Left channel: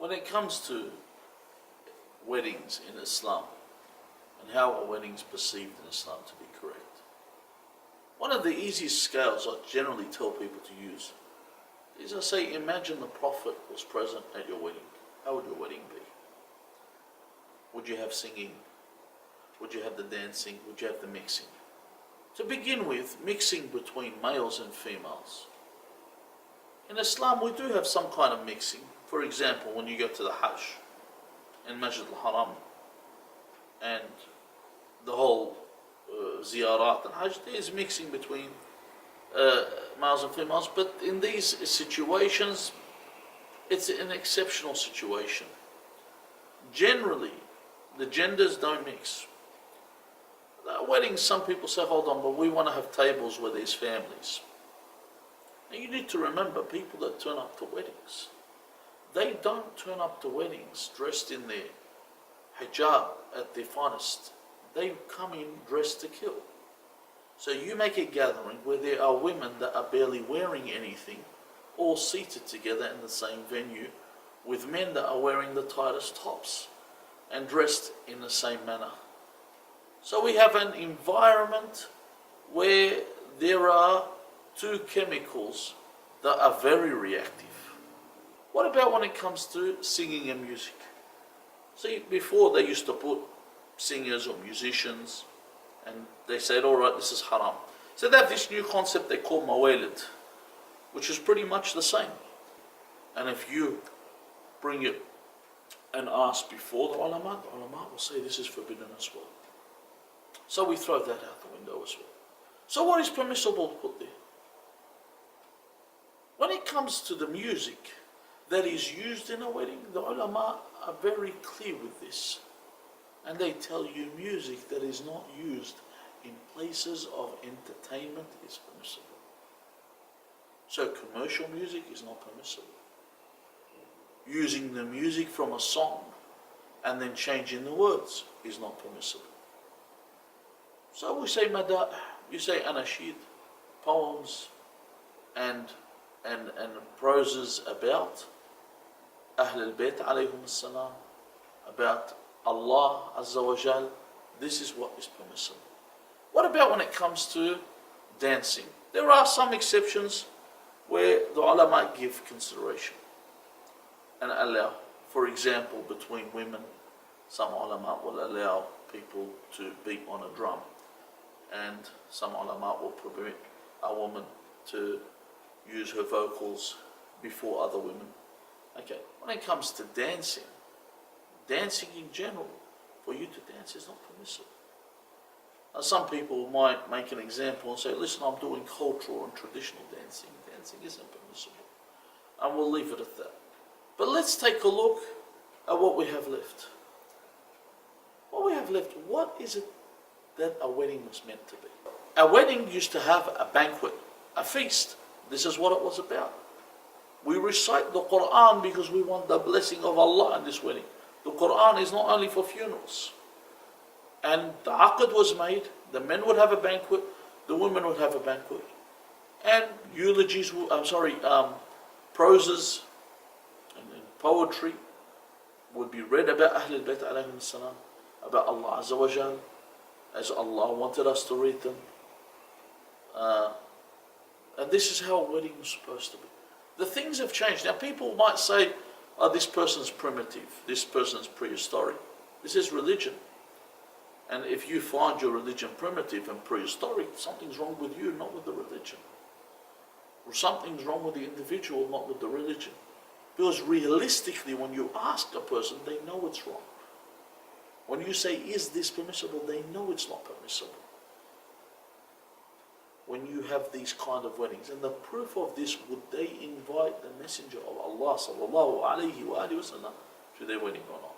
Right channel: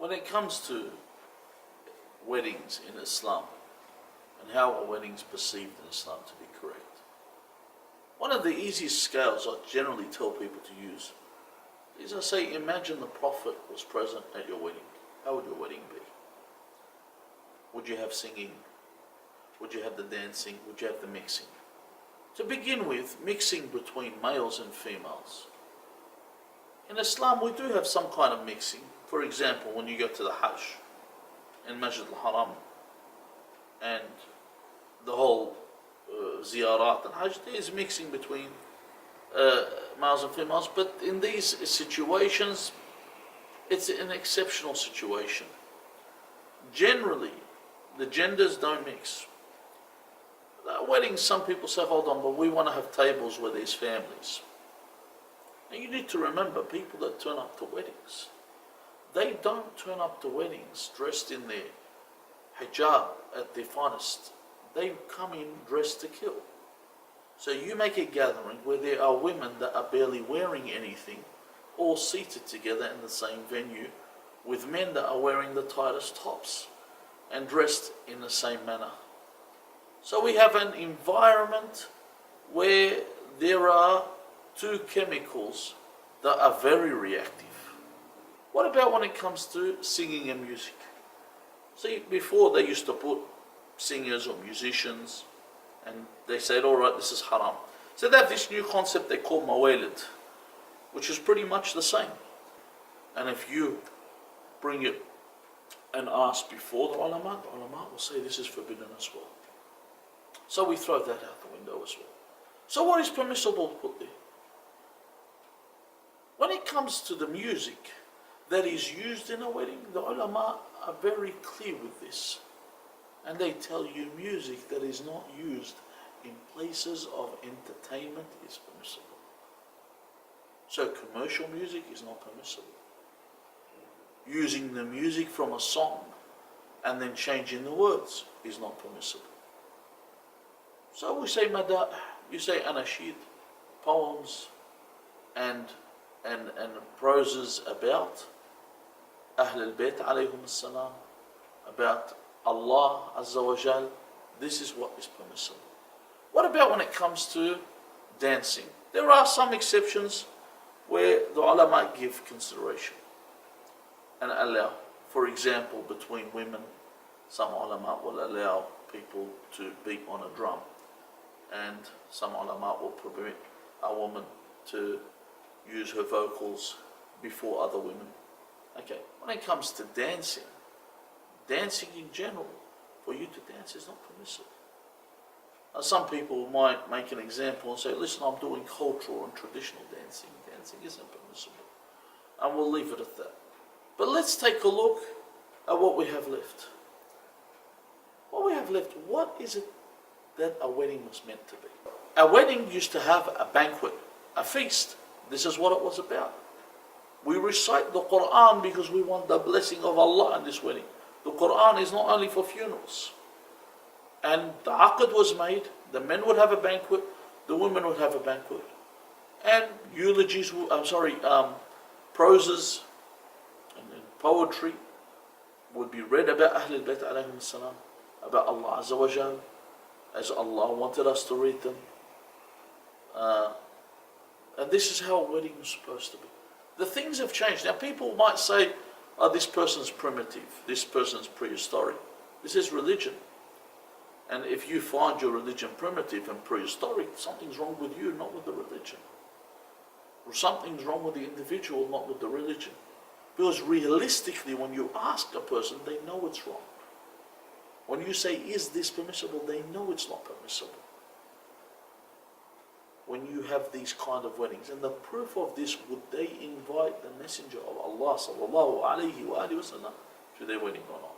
When it comes to weddings in Islam and how a wedding is perceived in Islam to be correct, one of the easiest scales I generally tell people to use is I say, imagine the Prophet was present at your wedding. How would your wedding be? Would you have singing? Would you have the dancing? Would you have the mixing? To begin with, mixing between males and females. In Islam, we do have some kind of mixing. For example, when you go to the Hajj in Masjid al-Haram and the whole ziyarat and Hajj, there is mixing between males and females, but in these situations, it's an exceptional situation. Generally, the genders don't mix. At weddings, some people say, hold on, but we want to have tables where there's families. And you need to remember, people that turn up to weddings, they don't turn up to weddings dressed in their hijab at their finest. They come in dressed to kill. So you make a gathering where there are women that are barely wearing anything, all seated together in the same venue, with men that are wearing the tightest tops and dressed in the same manner. So we have an environment where there are two chemicals that are very reactive. What about when it comes to singing and music? See, before they used to put singers or musicians, and they said, all right, this is haram. So they have this new concept they call mawalid, which is pretty much the same. And if you bring it and ask before the ulama will say this is forbidden as well. So we throw that out the window as well. So what is permissible to put there? When it comes to the music that is used in a wedding, the ulama are very clear with this. And they tell you music that is not used in places of entertainment is permissible. So commercial music is not permissible. Using the music from a song and then changing the words is not permissible. So we say madah, you say anashid, poems and proses about Ahl al-Bayt alayhum as-salam, about Allah Azza wa Jal. This is what is permissible. What about when it comes to dancing? There are some exceptions where the ulama give consideration and allow. For example, between women, some ulama will allow people to beat on a drum, and some ulama will permit a woman to use her vocals before other women. Okay, when it comes to dancing in general, for you to dance is not permissible. Now, some people might make an example and say, listen, I'm doing cultural and traditional dancing. Dancing isn't permissible. And we'll leave it at that. But let's take a look at what we have left. What we have left, what is it that a wedding was meant to be? A wedding used to have a banquet, a feast. This is what it was about. We recite the Quran because we want the blessing of Allah in this wedding. The Quran is not only for funerals. And the aqd was made, the men would have a banquet, the women would have a banquet. And eulogies, proses and poetry would be read about Ahl al-Bayt alayhim as-salam, about Allah Azza wa Jal, as Allah wanted us to read them. And this is how a wedding was supposed to be. The things have changed. Now people might say, oh, this person's primitive, this person's prehistoric. This is religion. And if you find your religion primitive and prehistoric, something's wrong with you, not with the religion. Or something's wrong with the individual, not with the religion. Because realistically, when you ask a person, they know it's wrong. When you say, is this permissible, they know it's not permissible. When you have these kind of weddings. And the proof of this, would they invite the Messenger of Allah sallallahu alayhi wa sallam to their wedding or not?